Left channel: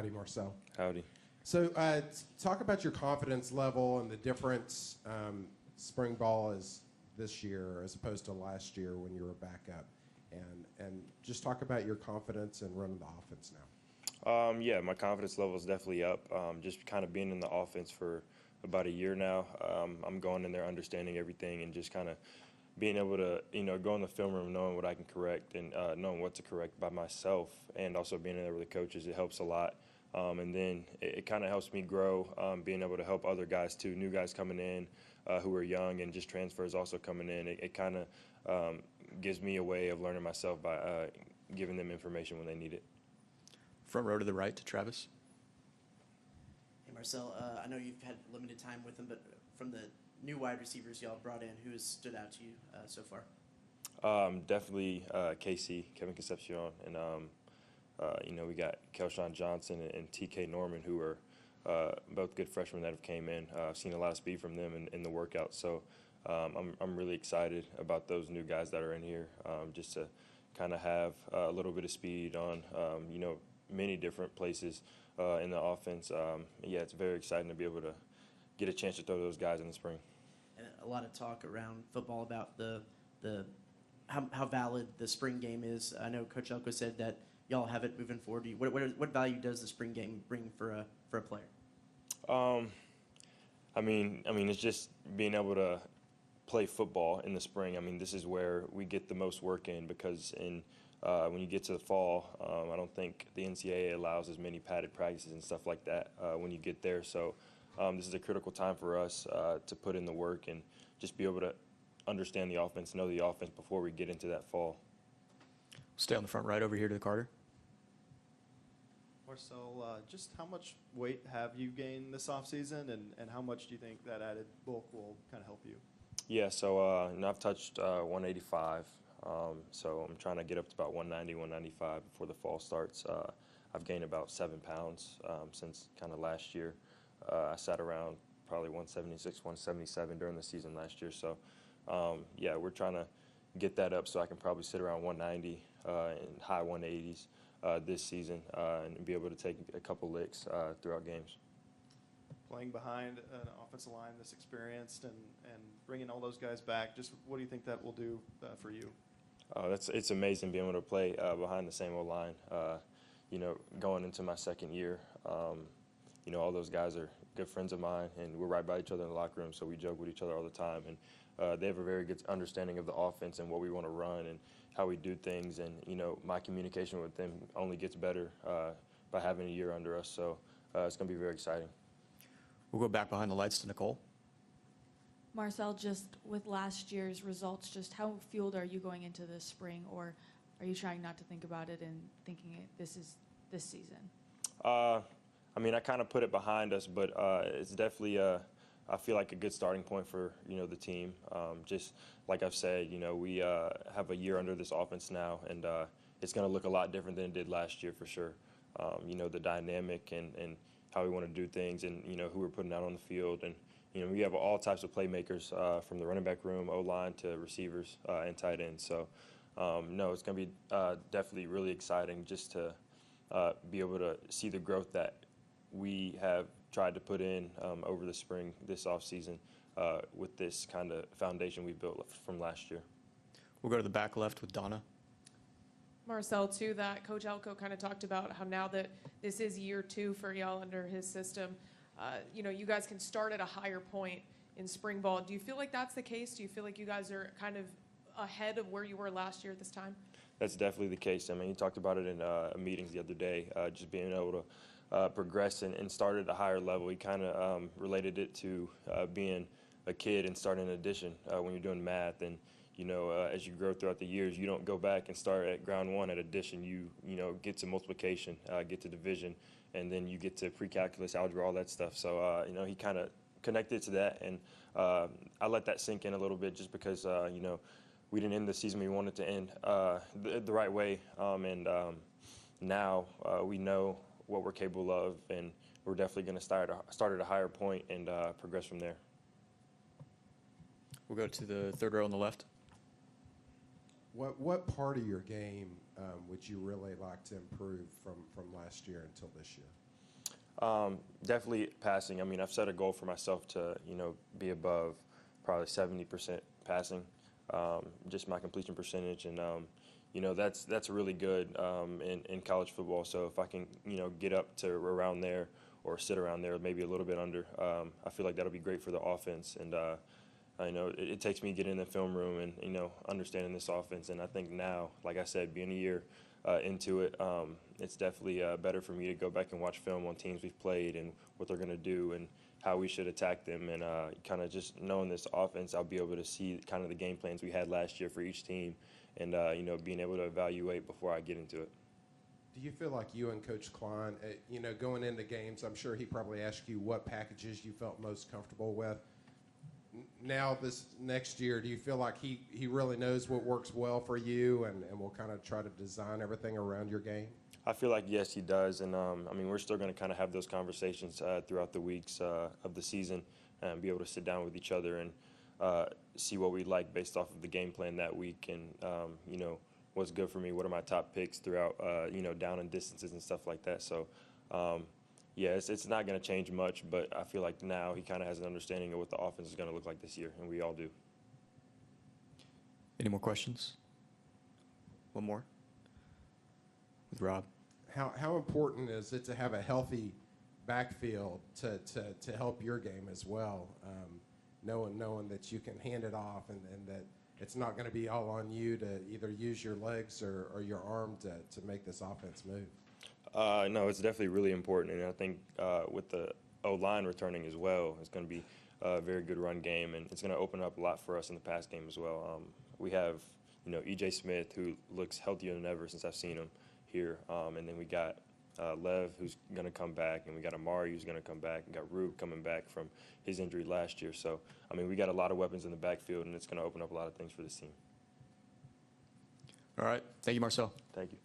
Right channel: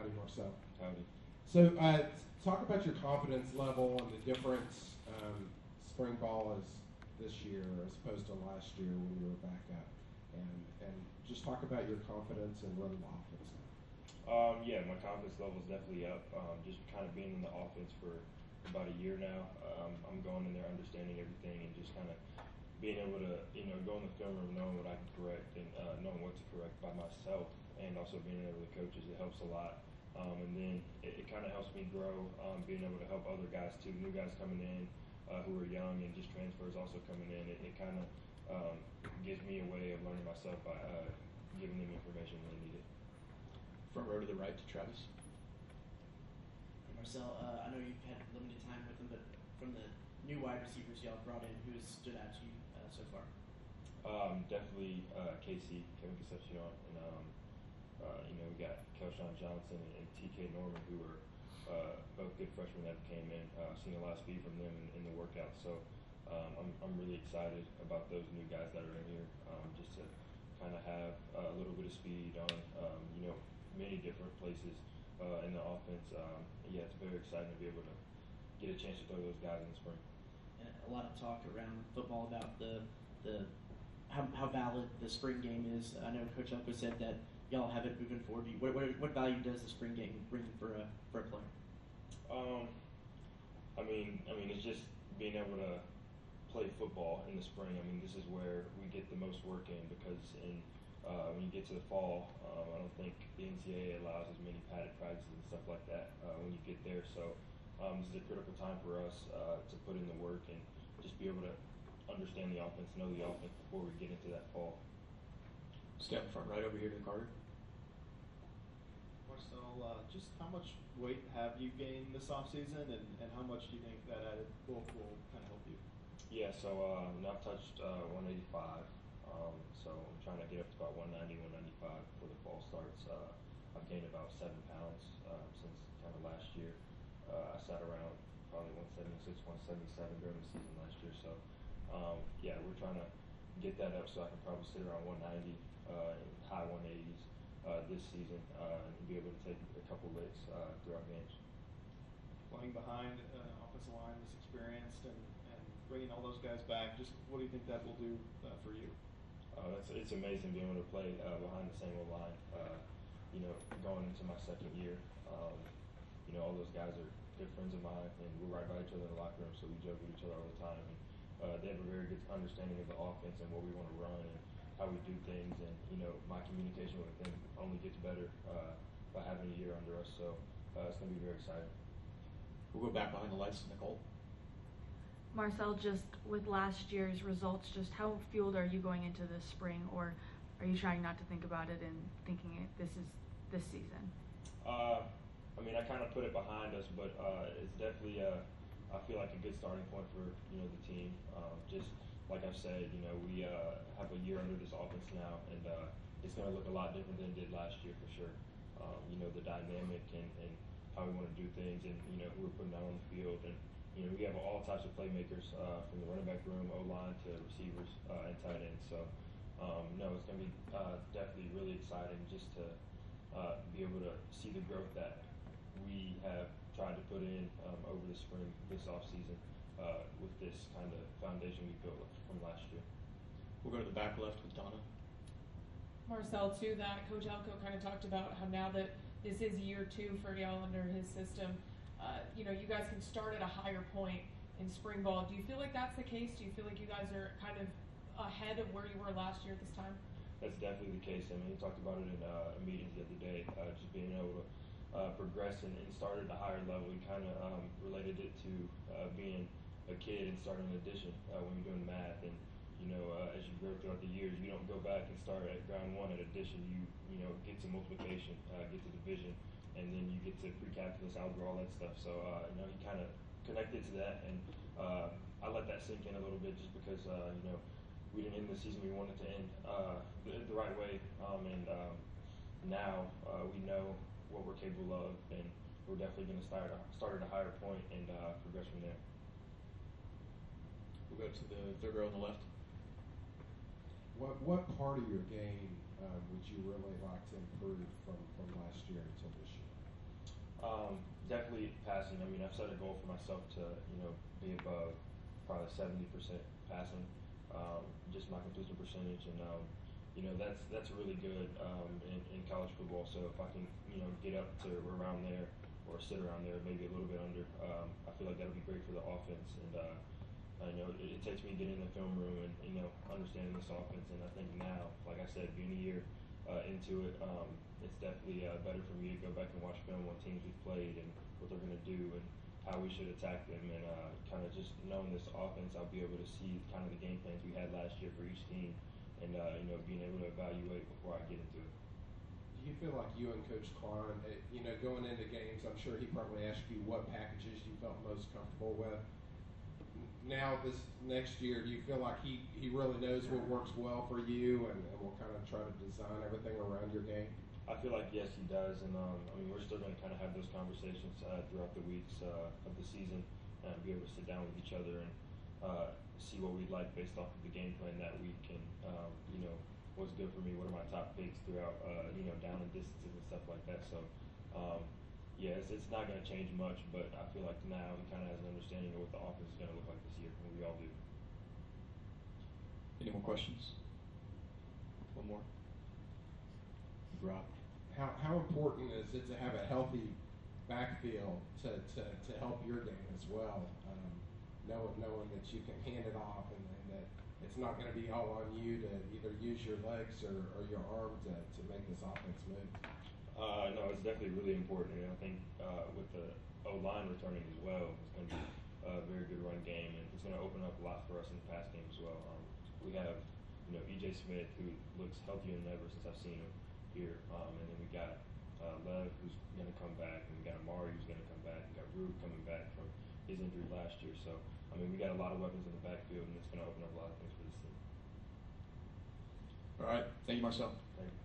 Howdy, Marcel. Howdy. So talk about your confidence level and the difference spring ball is this year as opposed to last year when you were back up. And just talk about your confidence in running the offense now. Yeah, my confidence level is definitely up. Just kind of being in the offense for about a year now, I'm going in there understanding everything and just kind of being able to, go in the film room knowing what I can correct and knowing what to correct by myself, and also being in there with the coaches, it helps a lot. And then it kind of helps me grow, being able to help other guys too, new guys coming in who are young, and just transfers also coming in. It kind of gives me a way of learning myself by giving them information when they need it. Front row to the right to Travis. Hey Marcel, I know you've had limited time with him, but from the new wide receivers y'all brought in, who has stood out to you so far? Definitely KC, Kevin Concepcion, and we got Kelshawn Johnson and TK Norman, who are both good freshmen that have came in. I've seen a lot of speed from them in the workouts, so I'm really excited about those new guys that are in here, just to kind of have a little bit of speed on, many different places in the offense. It's very exciting to be able to get a chance to throw those guys in the spring. And a lot of talk around football about how valid the spring game is. I know Coach Elko said that y'all have it moving forward. What value does the spring game bring for a player? It's just being able to play football in the spring. I mean, this is where we get the most work in, because when you get to the fall, I don't think the NCAA allows as many padded practices and stuff like that when you get there. So this is a critical time for us to put in the work and just be able to understand the offense, know the offense before we get into that fall. Stay on the front right over here to the Carter. Marcel, just how much weight have you gained this offseason, and how much do you think that added bulk will kind of help you? Yeah, so I've touched 185, so I'm trying to get up to about 190, 195 before the fall starts. I've gained about 7 pounds since kind of last year. I sat around probably 176, 177 during the season last year. So, we're trying to get that up so I can probably sit around 190 and high 180s this season and be able to take a couple licks throughout games. Playing behind an offensive line this experienced and bringing all those guys back, just what do you think that will do for you? It's amazing being able to play behind the same old line. Going into my second year, all those guys are good friends of mine, and we're right by each other in the locker room, so we joke with each other all the time. And they have a very good understanding of the offense and what we want to run and how we do things. And, my communication with them only gets better by having a year under us. So it's going to be very exciting. We'll go back behind the lights to Nicole. Marcel, just with last year's results, just how fueled are you going into this spring, or are you trying not to think about it and thinking this is this season? I kind of put it behind us, but it's definitely I feel like a good starting point for the team. Just like I've said, we have a year under this offense now, and it's going to look a lot different than it did last year for sure. The dynamic and how we want to do things, and who we're putting out on the field, and we have all types of playmakers from the running back room, O-line to receivers and tight ends. So it's going to be definitely really exciting just to be able to see the growth that we have tried to put in over the spring, this offseason, with this kind of foundation we built from last year. We'll go to the back left with Donna. Marcel, too, that Coach Elko kind of talked about how now that this is year 2 for y'all under his system, you guys can start at a higher point in spring ball. Do you feel like that's the case? Do you feel like you guys are kind of ahead of where you were last year at this time? That's definitely the case. He talked about it in meetings the other day, just being able to progress and start at a higher level. He kind of related it to being a kid and starting an addition when you're doing math. And, as you grow throughout the years, you don't go back and start at ground one at addition. You get to multiplication, get to division, and then you get to pre-calculus, algebra, all that stuff. So, he kind of connected to that. And I let that sink in a little bit just because, we didn't end the season we wanted to end the right way. Now we know what we're capable of, and we're definitely going to start at a higher point and progress from there. We'll go to the third row on the left. What part of your game would you really like to improve from last year until this year? Definitely passing. I mean, I've set a goal for myself to, be above probably 70% passing, just my completion percentage, and that's really good in college football. So if I can, get up to around there or sit around there, maybe a little bit under, I feel like that'll be great for the offense. And I know it takes me getting in the film room and understanding this offense. And I think now, like I said, being a year into it, it's definitely better for me to go back and watch film on teams we've played and what they're going to do and how we should attack them. And kind of just knowing this offense, I'll be able to see kind of the game plans we had last year for each team and, being able to evaluate before I get into it. Do you feel like you and Coach Klein, going into games, I'm sure he probably asked you what packages you felt most comfortable with. Now this next year, do you feel like he really knows what works well for you and will kind of try to design everything around your game? I feel like, yes, he does. And, we're still going to kind of have those conversations throughout the weeks of the season and be able to sit down with each other and see what we like based off of the game plan that week and, what's good for me, what are my top picks throughout, down and distances and stuff like that. So, yeah, it's not going to change much, but I feel like now he kind of has an understanding of what the offense is going to look like this year, and we all do. Any more questions? One more. With Rob. How important is it to have a healthy backfield to help your game as well? Knowing that you can hand it off and that it's not going to be all on you to either use your legs or your arm to make this offense move. No, it's definitely really important, and I think with the O-line returning as well, it's going to be a very good run game, and it's going to open up a lot for us in the pass game as well. We have, E.J. Smith, who looks healthier than ever since I've seen him here, and then we got Lev, who's going to come back, and we got Amari, who's going to come back, and got Rube coming back from his injury last year. So, we got a lot of weapons in the backfield, and it's going to open up a lot of things for this team. All right. Thank you, Marcel. Thank you.